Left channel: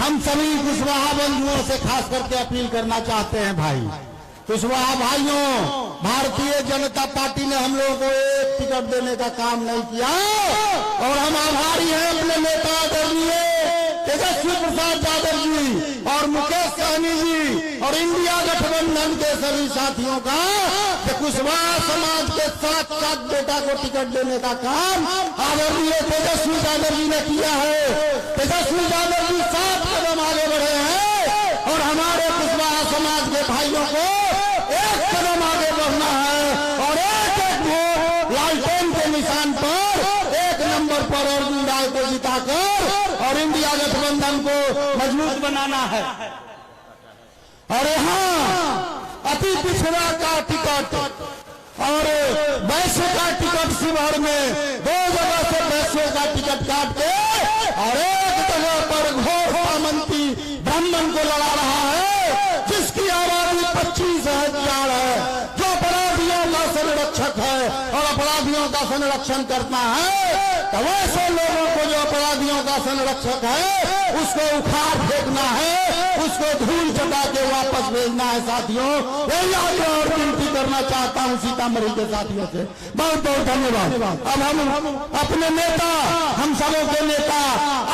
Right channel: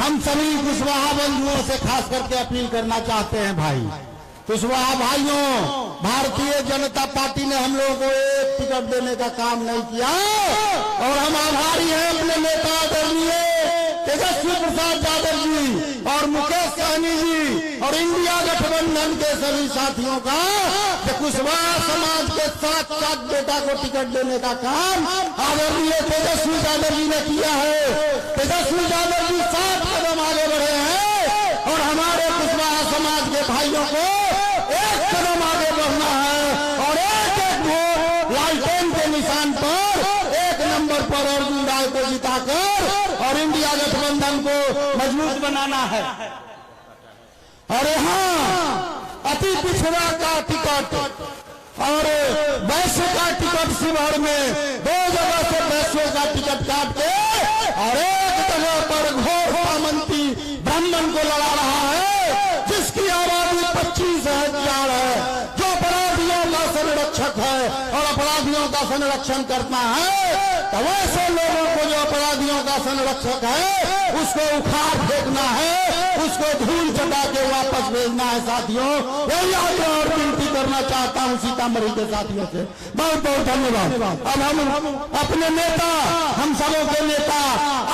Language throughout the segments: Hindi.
हम सभी कुशवाहा बंधुओं से खास करके अपील करना चाहते हैं भाई, कुशवाहा भाइयों, भारतीय जनता पार्टी ने हम लोगों को एक टिकट देने का काम नहीं किया और हम आभारी हैं अपने नेता आदरणीय तेजस्वी प्रसाद यादव जी और मुकेश सहनी जी और इंडिया गठबंधन के सभी साथियों का कि कुशवाहा समाज के साथ साथ बेटा को टिकट देने का काम आदरणीय तेजस्वी यादव जी ने किया है। तेजस्वी यादव जी 7 कदम आगे बढ़े हैं और हमारे कुशवाहा समाज के भाइयों को 1 कदम आगे बढ़ना है और एक वोट लालटेन के निशान पर 1 नंबर पर अरुण राय को जिताकर और इंडिया गठबंधन को मजबूत बनाना है। और यहाँ अति पिछड़ा का टिकट और वैश्य का टिकट शिवहर में 2 जगह से वैश्य का टिकट काट के और एक जगह पर घोषणा मंत्री ब्राह्मण को लड़ा रहा है, जिसकी आबादी 25,000 है, जो अपराधियों का संरक्षक है और अपराधियों का संरक्षण करता है। तो वैसे लोगों को जो अपराधियों का संरक्षक है उसको उखाड़ फेंकना है, उसको धूल चटा के वापस भेजना है। साथियों, यही आगे और विनती करना चाहता हूँ सीतामढ़ी के साथियों से। बहुत बहुत धन्यवाद। अब हम अपने नेता, हम सबों के नेता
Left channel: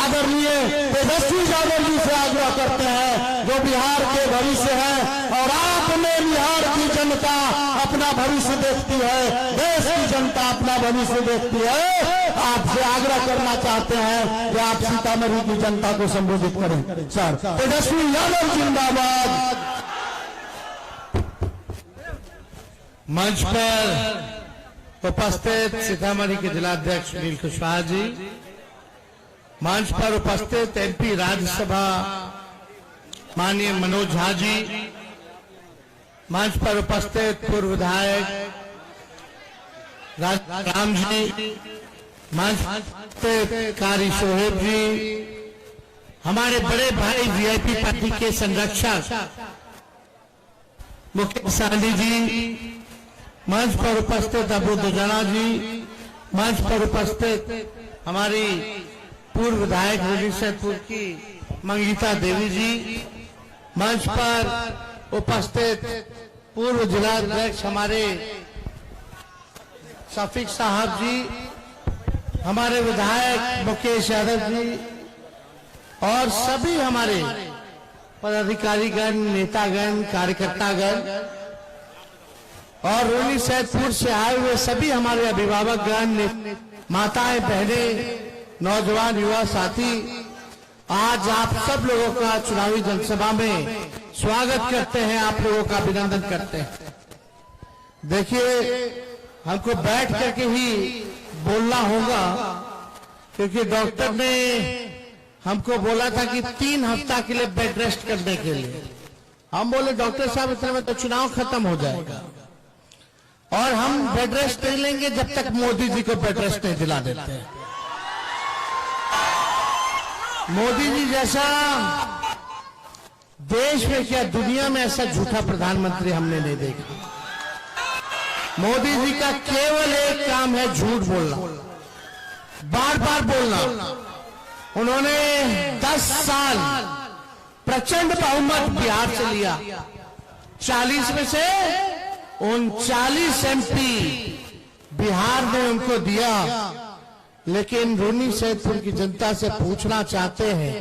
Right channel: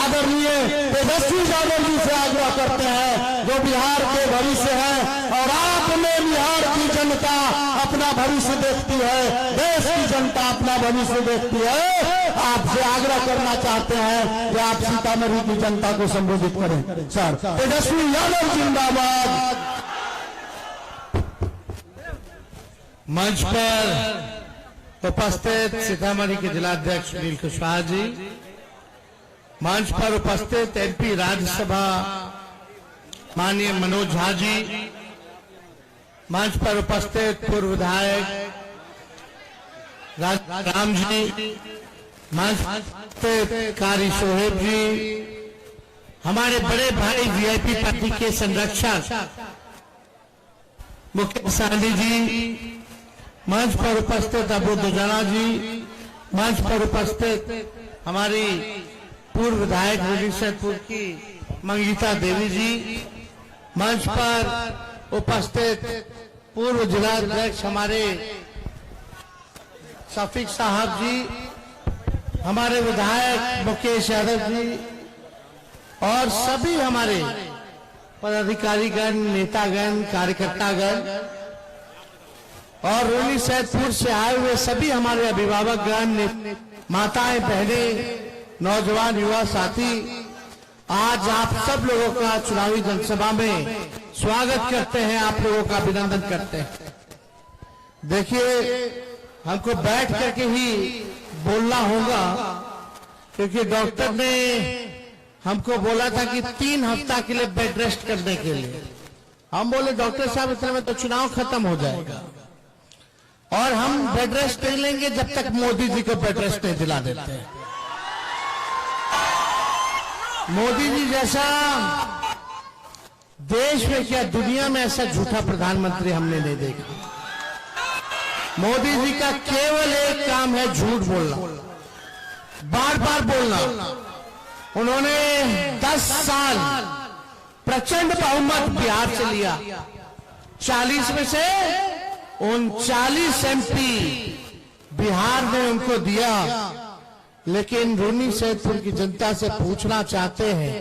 आदरणीय तेजस्वी यादव जी से आग्रह करते हैं, जो बिहार के भविष्य है और आप में बिहार की जनता अपना भविष्य देखती है, देश की जनता अपना भविष्य देखती है। आपसे आग्रह करना चाहते हैं कि आप सीतामढ़ी की जनता को संबोधित करें। सर, तेजस्वी यादव जिंदाबाद। मंच पर उपस्थित सीतामढ़ी के जिलाध्यक्ष सुनील कुशवाहा जी, मंच पर उपस्थित एमपी राज्यसभा माननीय मनोज झा जी, मंच पर उपस्थित पूर्व विधायक राम जी, मंच पर कारी सोहेब जी, हमारे बड़े भाई वीआईपी पार्टी के संरक्षक मुकेश सहनी जी, मंच पर उपस्थित अबू दुजाना जी, मंच पर उपस्थित हमारी पूर्व विधायक सैदपुर की मंगीता देवी जी, मंच पर उपस्थित पूर्व जिलाध्यक्ष हमारे शफीक साहब जी, हमारे विधायक मुकेश यादव जी और सभी हमारे पदाधिकारीगण, नेतागण, कार्यकर्तागण और रोली सैदपुर से आए हुए सभी हमारे अभिभावकगण, माताएं, बहनें, नौजवान, युवा साथी, आज आप सब लोगों का चुनावी जनसभा में स्वागत करते हैं, आप लोगों का अभिनंदन करते हैं। देखिए, हमको बैठ करके ही बोलना होगा क्योंकि डॉक्टर ने हमको बोला था कि 3 हफ्ता के लिए बेड रेस्ट करने के लिए। हम बोले डॉक्टर साहब इतने में तो चुनाव खत्म हो जाएगा और हम बेड रेस्ट नहीं लेंगे जब तक मोदी जी को बेड रेस्ट नहीं दिला देते हैं। मोदी जी जैसा देश में क्या दुनिया में ऐसा झूठा प्रधानमंत्री हमने नहीं देखा। मोदी जी का केवल एक काम है झूठ बोलना, बार बार बोलना। उन्होंने 10 साल प्रचंड बहुमत बिहार से लिया, 40 में से 39 एमपी बिहार ने उनको दिया। लेकिन रोनी सैदपुर की जनता से पूछना चाहते हैं,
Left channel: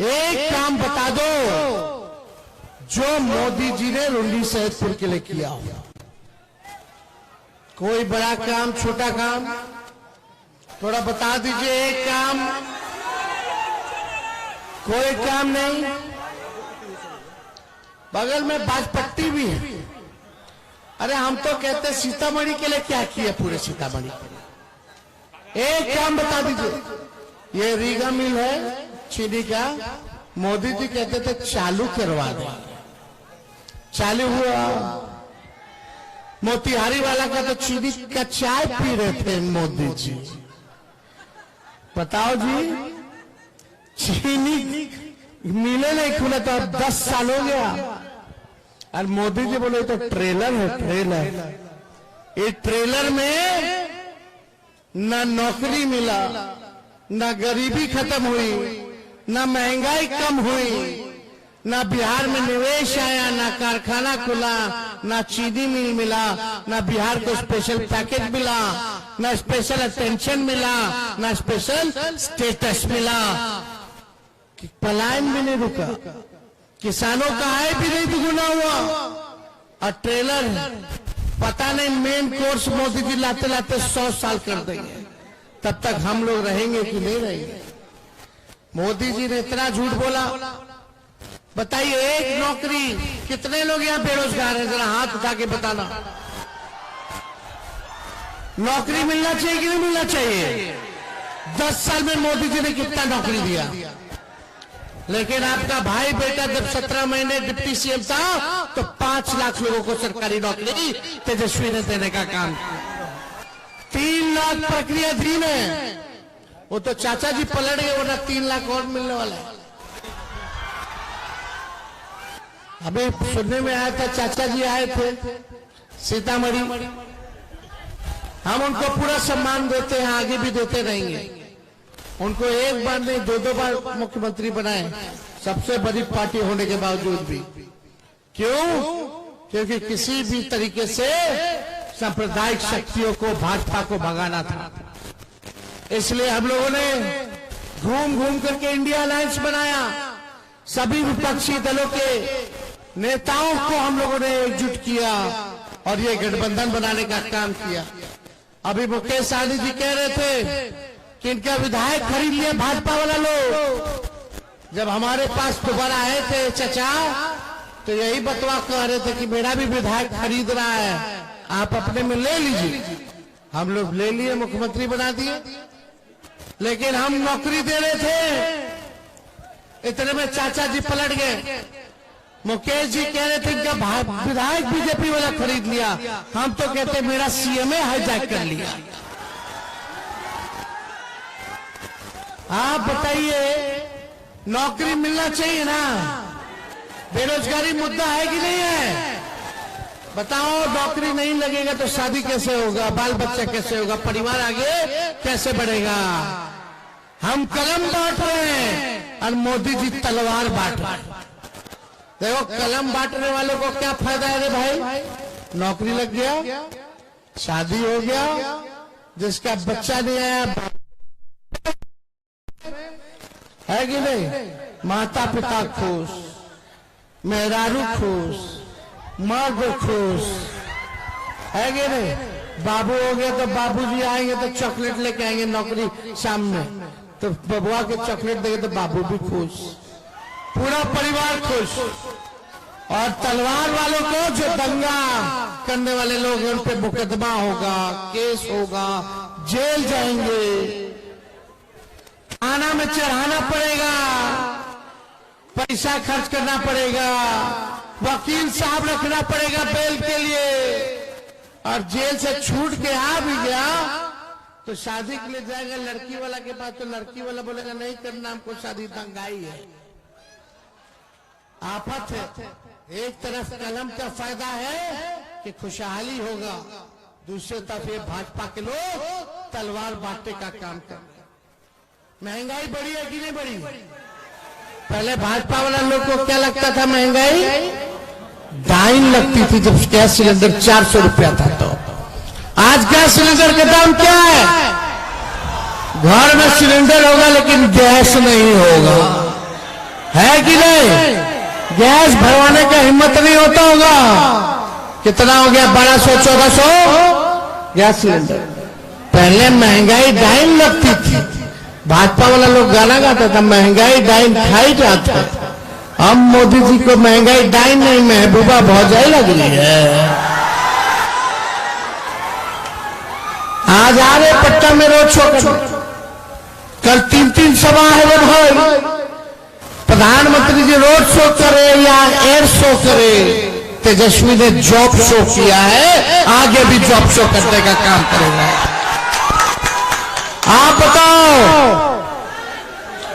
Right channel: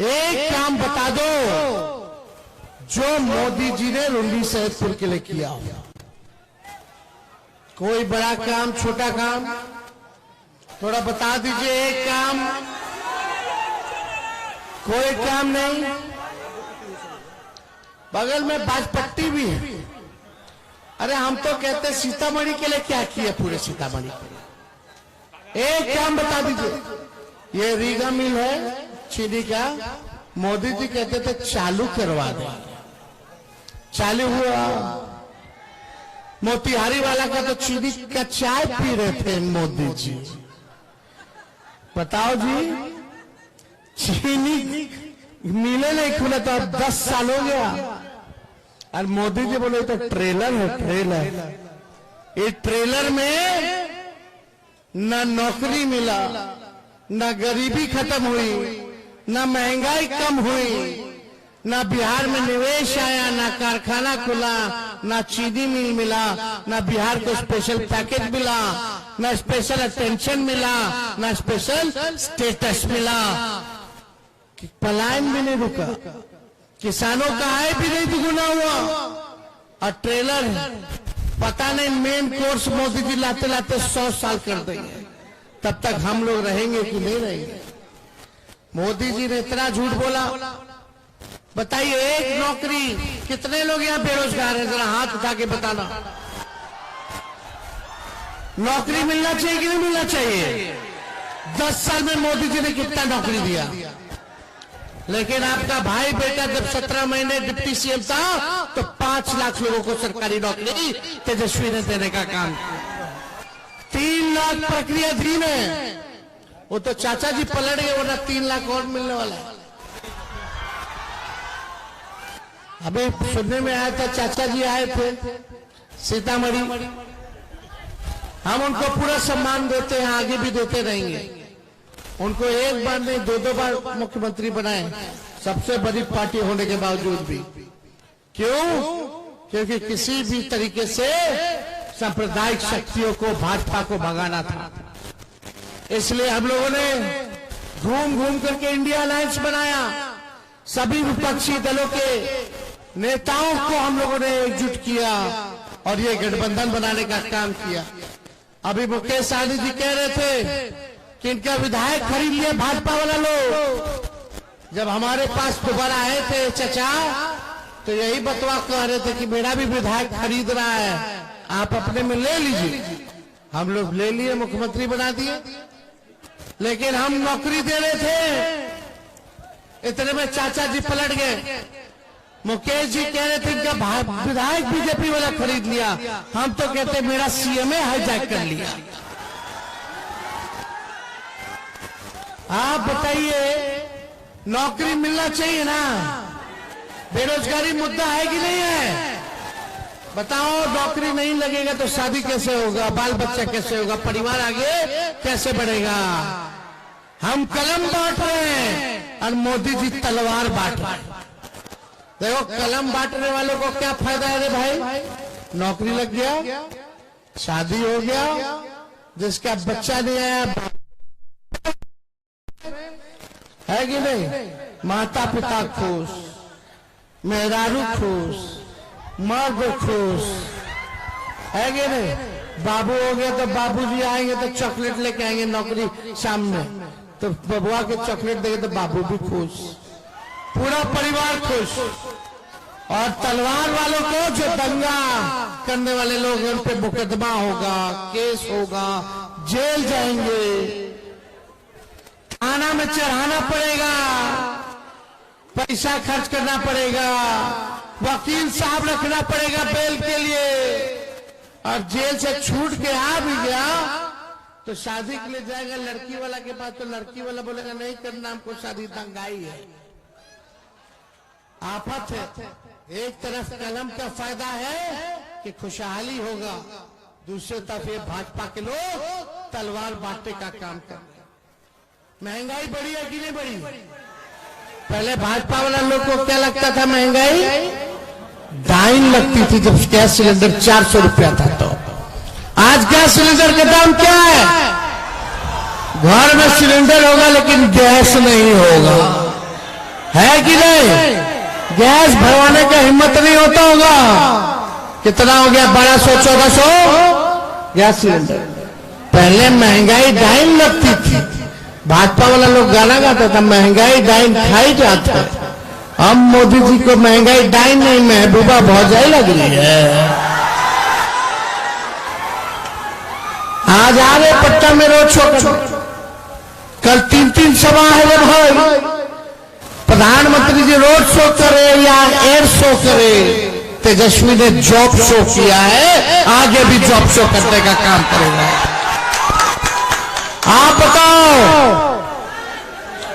एक काम बता दो जो मोदी जी ने रोनी सैदपुर के लिए किया हो। कोई बड़ा काम, छोटा काम, थोड़ा बता दीजिए। एक काम, कोई काम नहीं। बगल में बाजपट्टी भी है। अरे हम तो कहते सीतामढ़ी के लिए क्या किया, पूरे सीतामढ़ी। एक काम बता दीजिए। ये रीगा मिल है चीनी का, मोदी जी कहते थे चालू करवा दो, चालू हुआ। मोतिहारी वाला का तो चीनी का चाय पी रहे थे मोदी जी। बताओ जी, चीनी मिले नहीं खुले तो 10 साल हो गया और मोदी जी बोले तो ट्रेलर है, ट्रेलर। इस ट्रेलर में न नौकरी मिला, न गरीबी खत्म हुई, न महंगाई कम हुई, न बिहार में निवेश आया, न कारखाना खुला, न चीनी मिल मिला, न बिहार को स्पेशल पैकेज मिला, न स्पेशल अटेंशन मिला, न स्पेशल स्टेटस मिला। पलायन भी नहीं रुका, किसानों का आय भी नहीं दुगुना हुआ। और ट्रेलर पता नहीं मेन कोर्स मोदी जी लाते लाते 100 साल कर देंगे, तब तक हम लोग रहेंगे कि नहीं रहेंगे। मोदी जी ने इतना झूठ बोला। बताइए, एक नौकरी, कितने लोग यहाँ बेरोजगार हैं, जरा हाथ उठा के बताना। नौकरी मिलना चाहिए कि नहीं मिलना चाहिए? 10 साल में मोदी जी ने कितना नौकरी दिया? लेकिन आपका भाई बेटा जब 17 महीने डिप्टी सीएम था तो 5 लाख लोगों को सरकारी नौकरी तेजस्वी ने देने का काम किया। 3 लाख प्रक्रिया थी में, वो तो चाचा जी पलट गए, वरना 3 लाख और मिलने वाला है। अभी सुनने में आया था चाचा जी आए थे सीतामढ़ी, हम उनको पूरा सम्मान देते हैं, आगे भी देते रहेंगे। उनको एक बार नहीं 2-2 बार मुख्यमंत्री बनाए, सबसे बड़ी पार्टी होने के बावजूद भी। क्यों? क्योंकि किसी भी तरीके से सांप्रदायिक शक्तियों को, भाजपा को भगाना था। इसलिए हम लोगों ने घूम घूम करके इंडिया अलायंस बनाया, सभी विपक्षी दलों के नेताओं को हम लोगों ने एकजुट किया और ये गठबंधन बनाने का काम किया। अभी मुकेश सहनी जी कह रहे थे कि इनका विधायक खरीद लिया भाजपा वाला लोग। जब हमारे पास दोबारा आए थे चचा, तो यही बतवा कह रहे थे कि मेरा भी विधायक खरीद रहा है, आप अपने में ले लीजिए। हम लोग ले लिए, मुख्यमंत्री बना दिए। लेकिन हम नौकरी दे रहे थे, इतने में चाचा जी पलट गए। मुकेश जी कह रहे थे क्या विधायक बीजेपी वाला खरीद लिया, हम तो कहते मेरा सीएमए हाईजैक कर लिया। आप बताइए, नौकरी मिलना चाहिए ना? बेरोजगारी मुद्दा है कि नहीं है? बताओ, नौकरी नहीं लगेगा तो शादी कैसे होगा, बाल बच्चा कैसे होगा, परिवार आगे कैसे बढ़ेगा? हम कलम बांट रहे हैं और मोदी जी तलवार बांट रहे हैं। देखो, कलम बांटने वालों को क्या फायदा है रे भाई? नौकरी लग गया, शादी हो गया, जिसका बच्चा नहीं है कि नहीं, माता पिता खुश, मेहरारू खुश, मर्द खुश, है कि नहीं? बाबू हो गए तो बाबूजी आएंगे तो चॉकलेट लेके आएंगे नौकरी शाम में, तो बबुआ के चॉकलेट देंगे तो बाबू भी खुश, पूरा परिवार खुश। और तलवार वालों को, जो दंगा करने वाले लोग, उन पे मुकदमा होगा, केस होगा, जेल जाएंगे, थाना में चढ़ाना पड़ेगा, पैसा खर्च करना पड़ेगा, वकील साहब रखना पड़ेगा बेल के लिए। और जेल से छूट के आ भी गया तो शादी के लिए जाएगा लड़की वाला के पास, तो लड़की वाला बोलेगा नहीं करना हमको शादी, दंगाई है। आफत है। एक तरफ कलम का फायदा है कि खुशहाली होगा, दूसरी तरफ ये भाजपा के लोग तलवार बांटने का काम कर रहे हैं। महंगाई बढ़ी है कि नहीं बढ़ी? पहले भाजपा वाला लोग को क्या लगता था, महंगाई डाइन लगती थी जब गैस सिलेंडर 400 रुपया था। तो आज गैस सिलेंडर का दाम क्या है? घर में सिलेंडर होगा लेकिन गैस नहीं होगा, है कि नहीं? गैस भरवाने का हिम्मत नहीं होता होगा। कितना हो गया? 1200-1400 गैस सिलेंडर। पहले महंगाई डाइन लगती थी, भाजपा वाले लोग गाना गाता था महंगाई डाइन खाई जाता। अब मोदी जी को महंगाई डाइन नहीं, महबूबा भौजाई लग रही है। आज आ रहे पट्टा में रोड शो, कल 3-3 सभा है भाई। प्रधानमंत्री जी रोड शो करे या एयर शो करे, तेजस्वी ने जॉब शो किया है, आगे भी जॉब शो करने का काम करेगा। आप बताओ,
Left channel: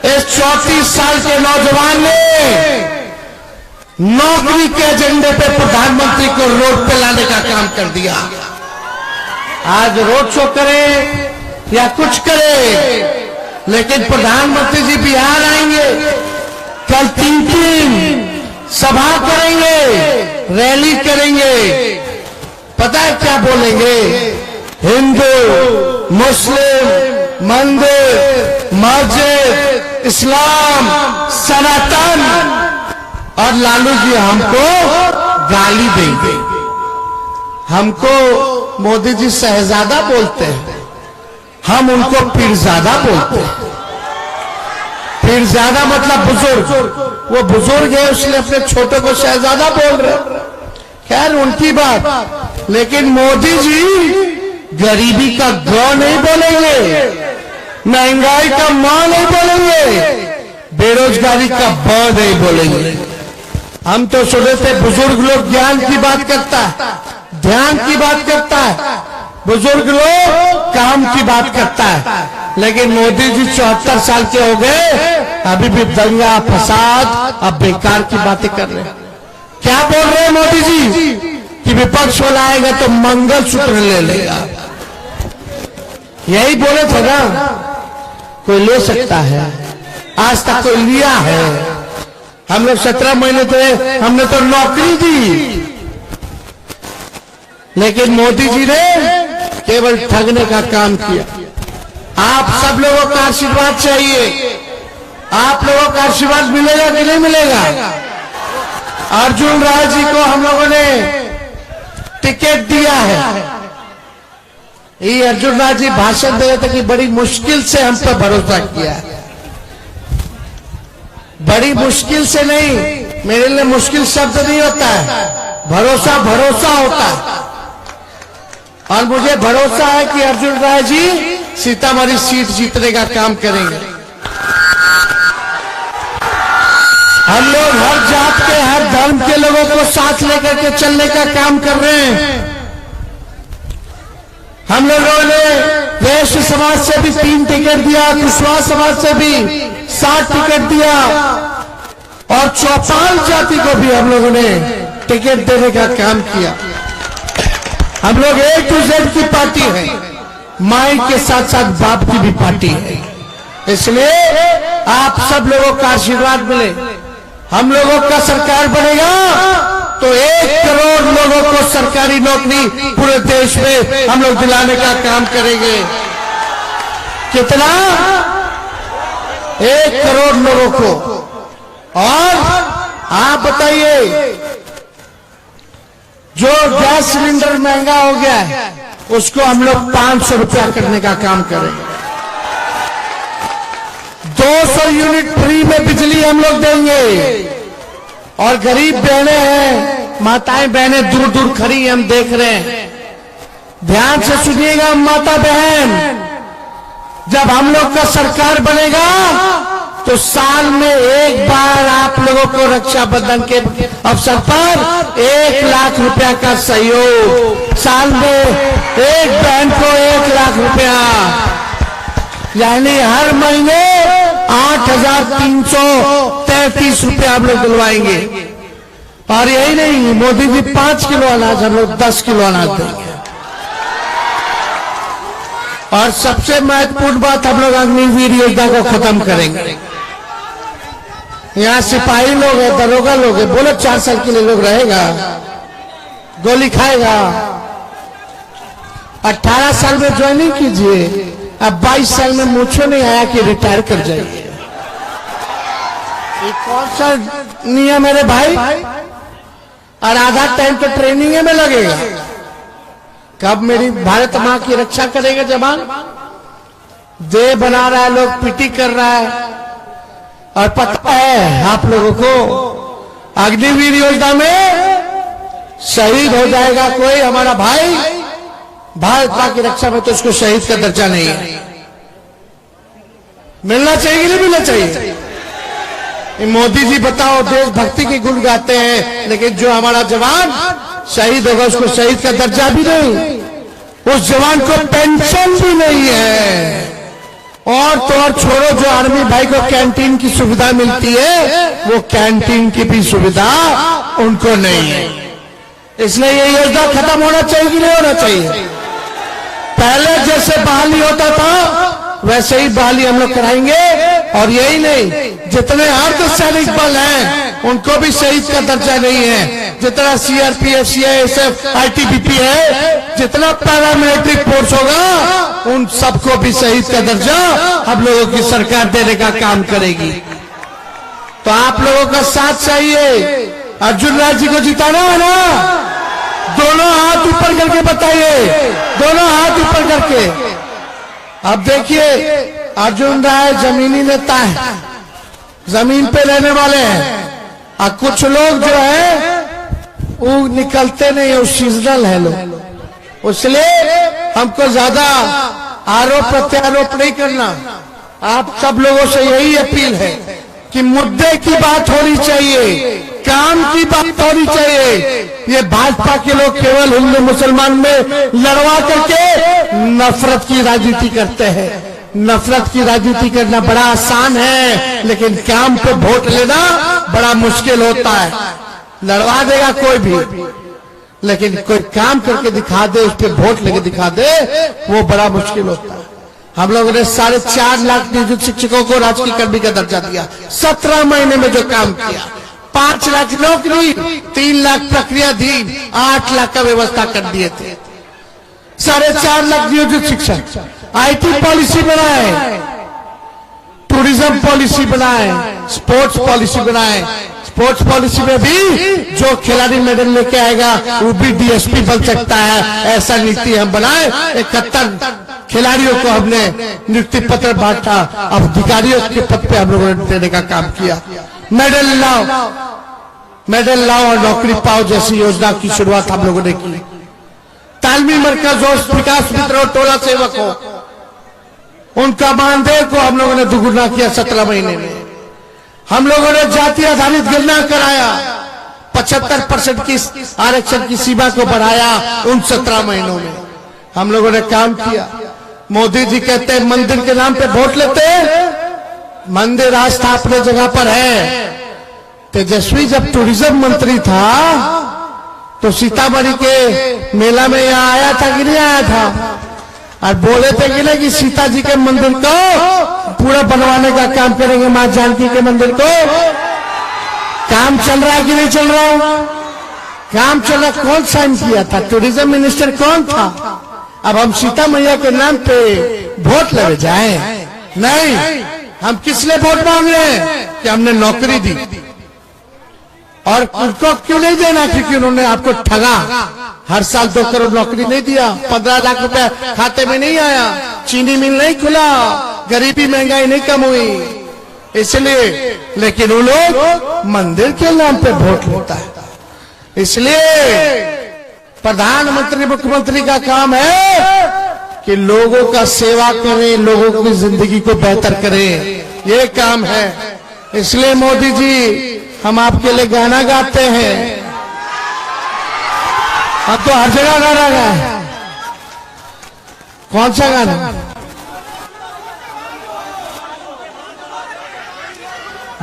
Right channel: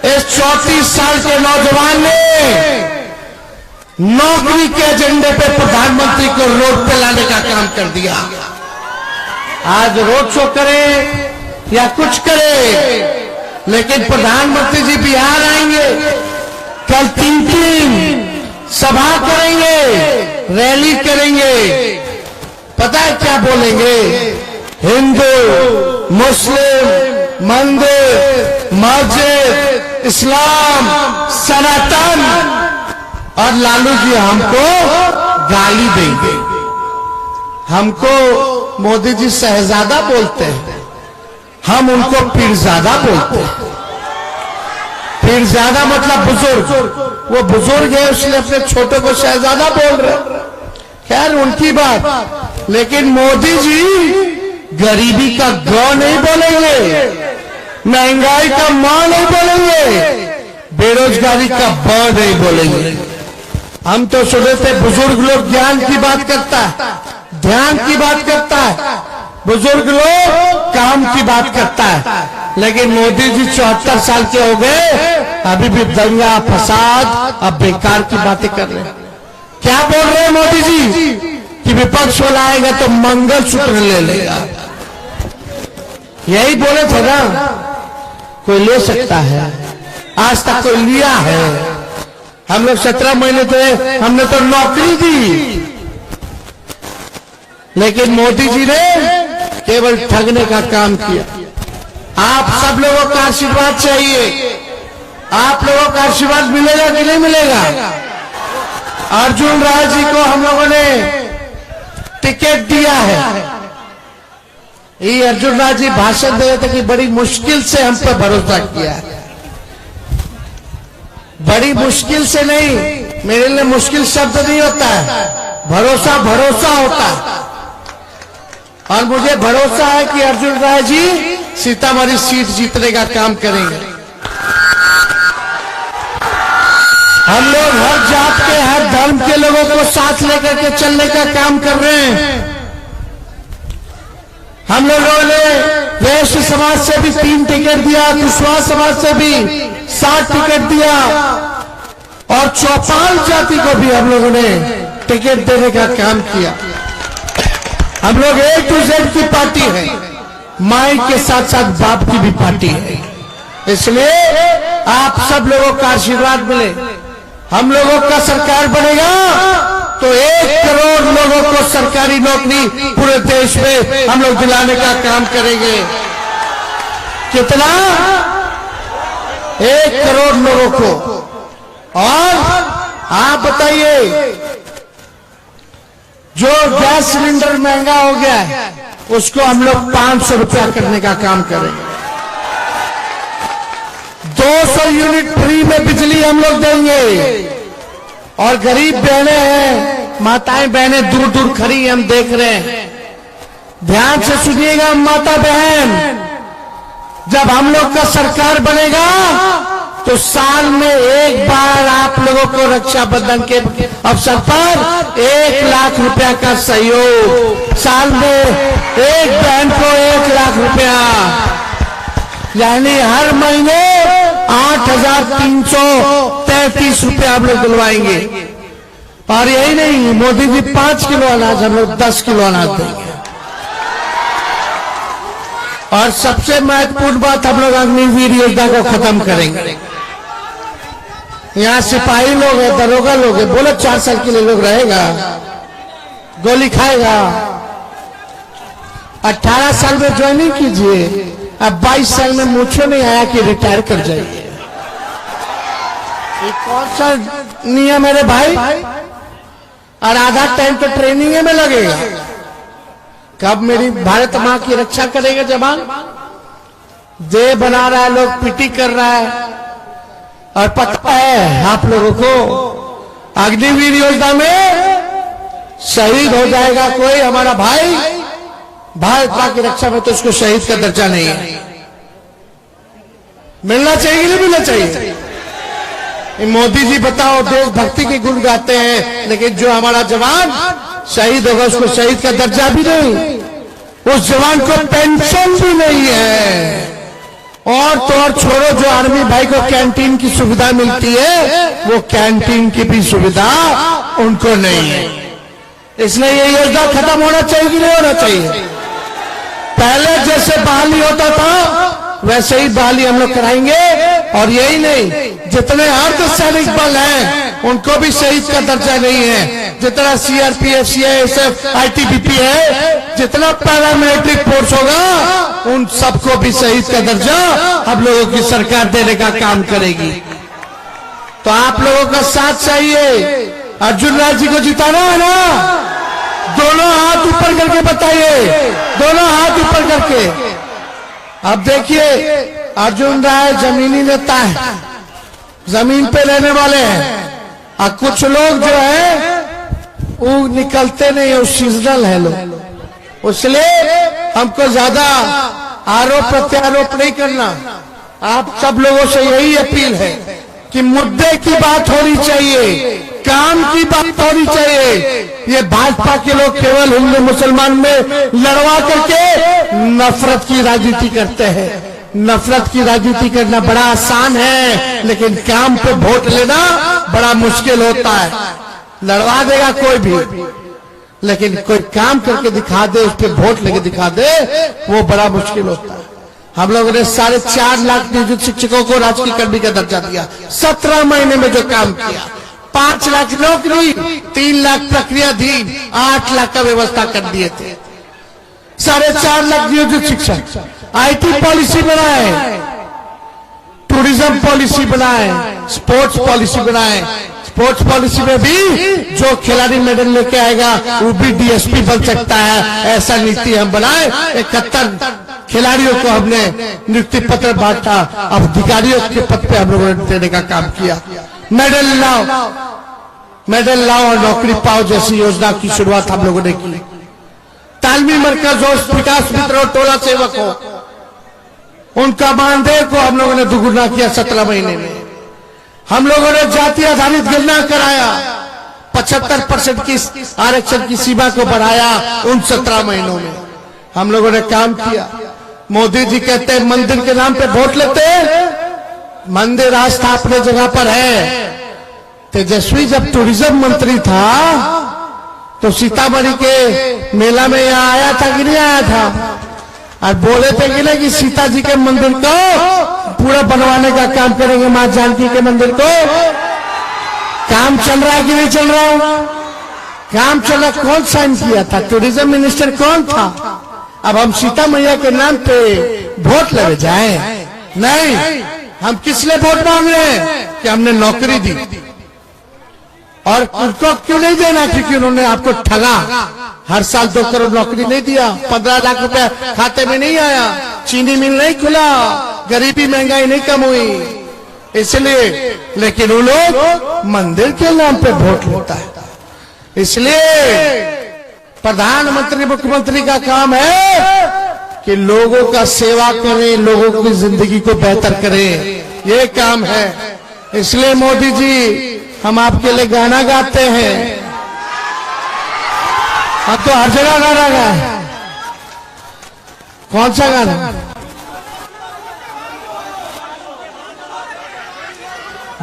इस 34 साल के नौजवान ने नौकरी के एजेंडे पे प्रधानमंत्री को रोड पे लाने का काम कर दिया। आज रोड शो करे या कुछ करे, लेकिन प्रधानमंत्री जी बिहार आएंगे, कल 3 सभा करेंगे, रैली करेंगे। पता है क्या बोलेंगे? हिंदू, मुस्लिम, मंदिर, मस्जिद, इस्लाम, सनातन, और लालू जी हमको गाली देंगे। हमको मोदी जी शहजादा बोलते हैं, हम उनको पीरजादा बोलते हैं। पीरजादा मतलब बुजुर्ग, वो बुजुर्ग है इसलिए अपने छोटे को शहजादा बोल रहे। खैर उनकी बात, लेकिन मोदी जी गरीबी का गौ नहीं बोलेंगे, महंगाई का मां नहीं बोलेंगे, बेरोजगारी का ब नहीं बोलेंगे। हम तो सुने थे बुजुर्ग लोग ज्ञान की बात करता है, ध्यान की बात करता है, बुजुर्ग लोग काम की बात करता है, लेकिन मोदी जी 74 साल के हो गए, अभी भी दंगा फसाद अब बेकार की बातें कर रहे हैं। क्या बोल रहे हैं मोदी जी कि विपक्ष वाला आएगा तो मंगलसूत्र ले लेगा। यही बोले थे ना, कोई ले सकता है, आज तक कोई लिया है? हम लोग 17 महीने थे, हमने तो नौकरी दी, लेकिन मोदी जी ने केवल ठगने का काम किया। आप सब लोगों का आशीर्वाद चाहिए, आप लोगों का आशीर्वाद मिलेगा कि नहीं मिलेगा? अर्जुन राव जी को हम लोगों ने टिकट दिया है। ये अर्जुन राव जी भाषण दे रहे थे कि बड़ी मुश्किल से हम पे भरोसा किया, बड़ी मुश्किल से नहीं, मेरे लिए मुश्किल शब्द नहीं होता है, भरोसा भरोसा होता है। और मुझे भरोसा है कि अर्जुन राय जी सीतामढ़ी सीट जीतने का काम करेंगे। हम लोग हर जात के, हर धर्म के लोगों को साथ लेकर के चलने का काम कर रहे हैं। हम लोगों ने वैश्य समाज से भी 3 टिकट दिया, कुशवाहा समाज से भी 7 टिकट दिया, और चौपाल जाति को भी हम लोगों ने टिकट देने का काम किया। हम लोग एक दूसरे की पार्टी है, माई के साथ साथ बाप की भी पार्टी है, इसलिए आप सब लोगों का आशीर्वाद मिले। हम लोगों का सरकार बनेगा तो 1 करोड़ लोगों को सरकारी नौकरी पूरे देश में हम लोग दिलाने का काम करेंगे। कितना? 1 करोड़ लोगों को। और आप बताइए, जो गैस सिलेंडर महंगा हो गया है उसको हम लोग 500 रुपया करने का काम करेंगे। 200 यूनिट फ्री में बिजली हम लोग देंगे। और गरीब बहनें हैं, माताएं बहनें दूर दूर खड़ी हम देख रहे हैं, ध्यान से सुनिएगा माता बहन, जब हम लोग का सरकार बनेगा तो साल में 1 बार आप लोगों को रक्षाबंधन के अवसर पर 1 लाख रुपया का सहयोग, साल में एक बहन को 1 लाख रुपया, यानी हर महीने 8,333 रुपया हम लोग दिलवाएंगे। और यही नहीं, मोदी जी 5 किलो अनाज, हम लोग 10 किलो अनाज देंगे। और सबसे महत्वपूर्ण बात, हम लोग अग्निवीर योजना को खत्म करेंगे। यहाँ सिपाही लोग हैं, दरोगा लोग हैं, बोले 4 साल के लिए लोग रहेगा, गोली खाएगा। 18 साल में ज्वाइनिंग कीजिए, अब 22 साल में मुझे नहीं आया कि रिटायर कर जाइए। कौन सा नियम मेरे भाई? और आधा टाइम तो ट्रेनिंग में लगेगा। कब मेरी भारत मां की रक्षा करेगा जवान? देह बना रहा है, लोग पीटी कर रहा है। और पता है आप लोगों को, अग्निवीर योजना में शहीद हो जाएगा कोई हमारा भाई, भारत मां की रक्षा में, तो उसको शहीद का दर्जा नहीं है। मिलना चाहिए कि नहीं मिलना चाहिए? मोदी जी बताओ, देशभक्ति के गुण गाते हैं, लेकिन जो हमारा जवान शहीद होगा उसको शहीद का दर्जा भी नहीं, उस जवान को पेंशन भी नहीं है। और तो और छोड़ो, जो आर्मी भाई को कैंटीन की सुविधा मिलती है, वो कैंटीन की भी सुविधा उनको नहीं है। इसलिए ये योजना खत्म होना चाहिए कि नहीं होना चाहिए? पहले जैसे बहाली होता था वैसे ही बहाली हम लोग कराएंगे। और यही नहीं, जितने अर्धसैनिक बल हैं उनको भी शहीद का दर्जा नहीं है। जितना सीआरपीएफ, सीआईएसएफ, आईटीबीपी है, जितना पैरामिलिट्री फोर्स होगा उन सबको भी शहीद का दर्जा हम लोगों की सरकार देने का काम करेगी। तो आप लोगों का साथ चाहिए। अर्जुन राज जी को जिताना है ना? दोनों हाथ ऊपर करके बताइए, दोनों हाथ ऊपर करके। अब देखिए, अर्जुन राय जमीनी नेता है, जमीन पे रहने वाले हैं, और कुछ लोग जो है वो निकलते नहीं, वो सीजनल है लोग। इसलिए हमको ज्यादा आरोप प्रत्यारोप नहीं करना। आप सब लोगों से यही अपील है कि मुद्दे की बात होनी चाहिए, काम की बात होनी चाहिए। ये भाजपा के लोग केवल हिंदू मुसलमान में लड़वा करके नफरत की राजनीति करते हैं। नफरत की राजनीति करना बड़ा आसान है, लेकिन काम पे वोट लेना बड़ा मुश्किल होता है। लड़वा देगा कोई भी, लेकिन कोई काम करके दिखा दे, उस पर वोट लेके दिखा दे, वो बड़ा मुश्किल होता है। हम लोगों ने 4.5 लाख नियोजित शिक्षकों को राजकीय कर्मी का दर्जा दिया 17 महीने में जो काम किया। 5 लाख नौकरी, 3 लाख प्रक्रियाधीन, 8 लाख का व्यवस्था कर दिए थे। 4.5 लाख नियोजित शिक्षक, आईटी पॉलिसी बनाए, टूरिज्म पॉलिसी बनाए, स्पोर्ट्स पॉलिसी बनाए। स्पोर्ट्स पॉलिसी में भी जो खिलाड़ी मेडल लेके आएगा वो भी डीएसपी बन सकता है, ऐसा नीति हम बनाए। 71 खिलाड़ियों को हमने नियुक्ति पत्र बांटा, अब अधिकारियों के पद पे हम लोगों ने देने का काम किया। मेडल लाओ, मेडल लाओ और नौकरी पाओ जैसी योजना की शुरुआत हम लोगों ने की। तालमी मरकज और विकास मित्र और टोला सेवकों, उनका मानदेय को हम लोगों ने दुगुना किया 17 महीने में। हम लोगों ने जाति आधारित गणना कराया, 75% की आरक्षण की सीमा को बढ़ाया उन 17 महीनों में। हम लोगों ने काम किया। मोदी जी कहते हैं मंदिर के नाम पे वोट लेते हैं, मंदिर आज था अपनी जगह पर है। तेजस्वी जब टूरिज्म मंत्री था तो सीतामढ़ी के मेला में यहाँ आया था कि नहीं आया था? और बोले थे कि नहीं कि सीता जी के मंदिर को पूरा बनवाने का काम करेंगे, मां जानकी के मंदिर को। काम चल रहा है कि नहीं चल रहा है? काम चल रहा। कौन साइन किया था? टूरिज्म मिनिस्टर कौन था? अब हम सीता मैया के नाम पे वोट लगे जाए? नहीं, हम किस लिए वोट मांग रहे हैं? कि हमने नौकरी दी। और उनको क्यों नहीं देना? क्योंकि उन्होंने आपको ठगा। हर साल 2 करोड़ नौकरी नहीं दिया, 15 लाख रुपया खाते में नहीं आया, चीनी मिल नहीं खुला, गरीबी महंगाई नहीं कम हुई, इसलिए। लेकिन वो लोग मंदिर के नाम पे वोट लेता है। इसलिए प्रधानमंत्री मुख्यमंत्री का काम है कि लोगों का सेवा करें, लोगों की जिंदगी को बेहतर करें, ये काम है। इसलिए मोदी जी, हम आपके लिए गाना गाते हैं। अब तो हर जगह गाना है। कौन सा गाना?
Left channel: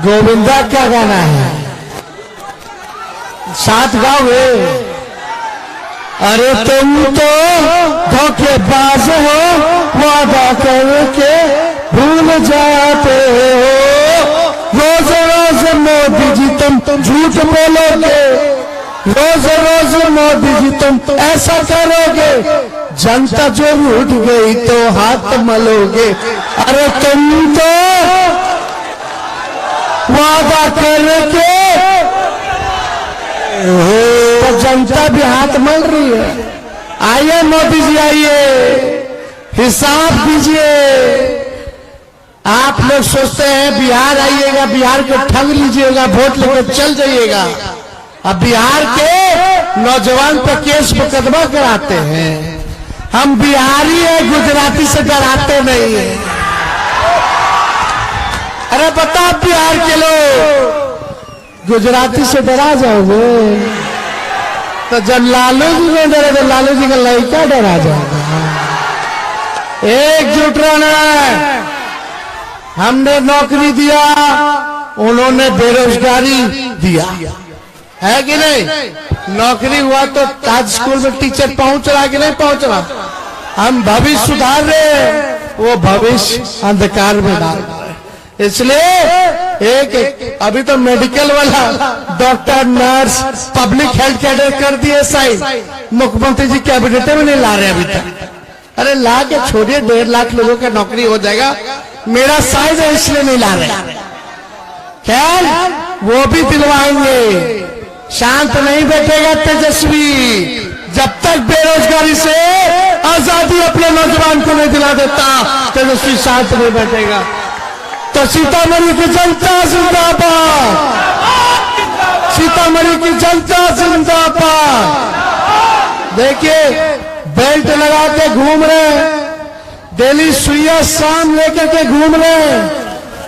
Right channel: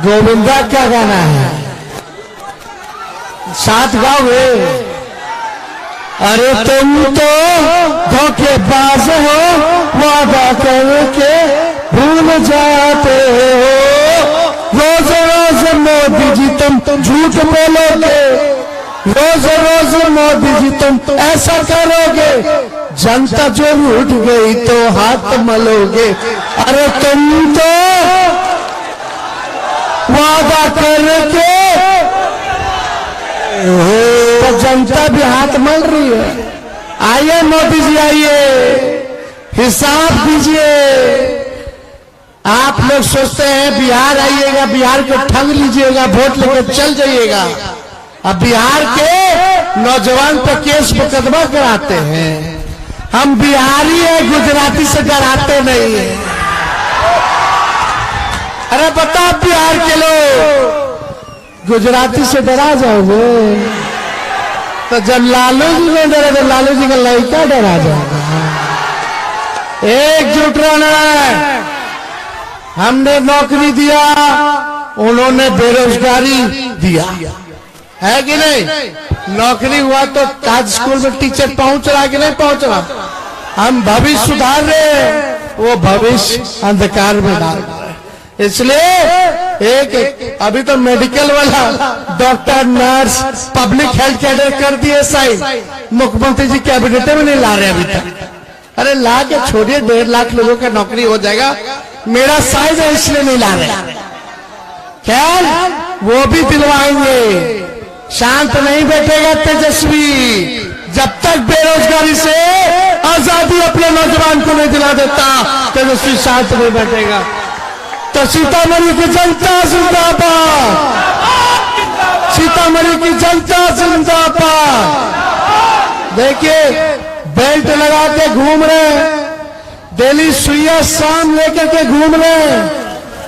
गोविंदा का गाना है, साथ गाओ। अरे तुम तो धोखेबाज हो, वादा करके भूल जाते हो। रोज रोज मोदी जी तुम झूठ बोलोगे, रोज रोज मोदी जी तुम ऐसा करोगे, जनता जो उठ गई तो हाथ मलोगे। अरे तुम तो वादा करके, तो जनता भी हाथ मल रही है। आइए मोदी जी, आइए, हिसाब दीजिए। आप लोग सोचते हैं बिहार आइएगा, बिहार को ठग लीजिएगा, वोट लेकर चल जाइएगा। अब बिहार के नौजवान पर केस मुकदमा कराते हैं। हम बिहारी हैं, गुजराती से डराते नहीं है। अरे बताओ, बिहार के लोग गुजराती से डरा जाओगे तो जब लालू जी ने डरा तो लालू जी का लड़का डरा जाएगा। एकजुट रहना है। हमने नौकरी दिया, उन्होंने बेरोजगारी दिया, है कि नहीं? नौकरी हुआ तो ताज स्कूल में टीचर पहुंच रहा कि नहीं पहुंच रहा? हम भविष्य सुधार रहे, वो भविष्य अंधकार में डाल रहे हैं। इसलिए एक अभी तो मेडिकल वाला doctor, nurse, public health cadre कर दिए साइन, मुख्यमंत्री जी कैबिनेट में नहीं ला रहे अभी तक। अरे ला के छोड़िए, 1.5 लाख लोगों की नौकरी हो जाएगा, मेरा साइन है इसलिए नहीं ला रहे। क्या वो भी दिलवाएंगे। शांत नहीं बैठेगा तेजस्वी जब तक बेरोजगारी से आजादी अपने नौजवान को नहीं दिला देता, तेजस्वी शांत नहीं बैठेगा। तो सीतामढ़ी की जनता जिंदाबाद, सीतामढ़ी की जनता जिंदाबाद। देखिए बेल्ट लगा के घूम रहे, डेली सुइया शाम लेकर के घूम रहे,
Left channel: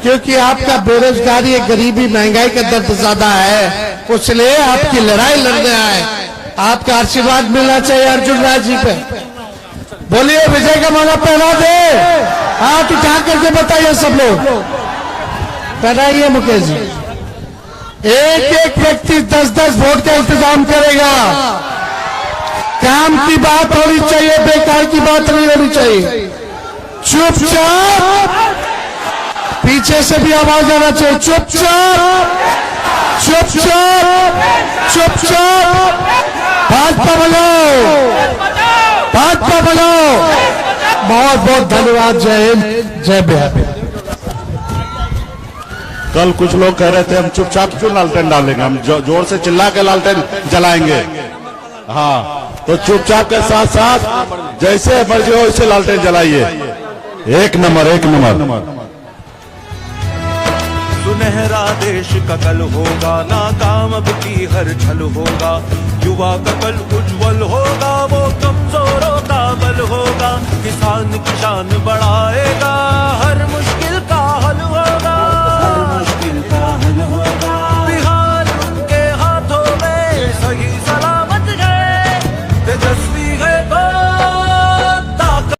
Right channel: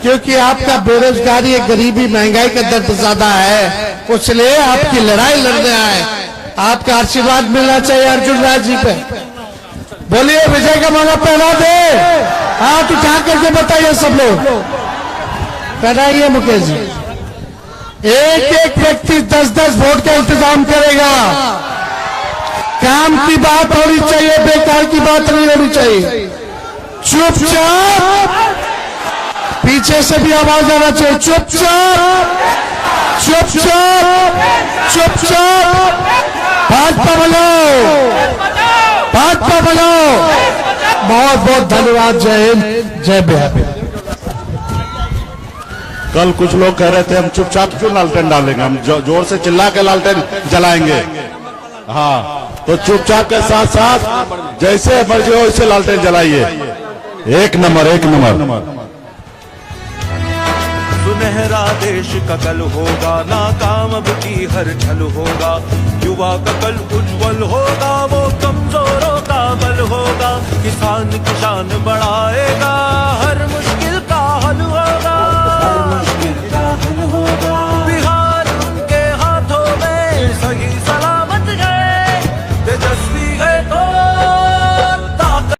क्योंकि आपका बेरोजगारी, गरीबी, महंगाई का दर्द ज्यादा है, इसलिए आपकी लड़ाई लड़ गया है। आपका आशीर्वाद मिलना चाहिए अर्जुन राज जी पे। बोलिए विजय का माला पहना दे, हाथ उठा करके बताइए सब लोग, पहनाइए मुकेश जी। एक एक व्यक्ति 10-10 वोट का इंतजाम करेगा। काम की बात होनी चाहिए, बेकार की बात नहीं होनी चाहिए। चुपचाप, पीछे से भी आवाज आना चाहिए, चुपचाप चुपचाप चुपचाप। भाजपा बजाओ, भाजपा बजाओ। बहुत बहुत धन्यवाद। जय हिंद, जय बिहार। कल कुछ लोग कह रहे थे हम चुपचाप क्यों लालटेन डालेंगे, हम जोर से चिल्ला के लालटेन जलाएंगे। हाँ, तो चुपचाप के साथ साथ जैसे मर्जी हो वैसे लालटेन जलाइए। एक नंबर, एक नंबर। सुनहरा देश का कल होगा, नाकाम अब की हर छल होगा। युवा का कल उज्जवल होगा, वो कमजोरों का बल होगा। किसान की शान बढ़ाएगा, हर मुश्किल का हल होगा। बिहार उनके हाथों में सही सलामत है, तेजस्वी है तो ताकत।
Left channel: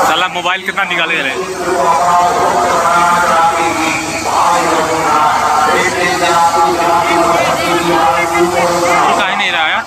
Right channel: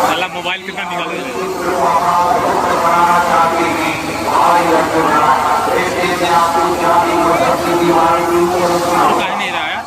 साला मोबाइल कितना निकाले जा रहे हैं? और काहे नहीं रहा यार?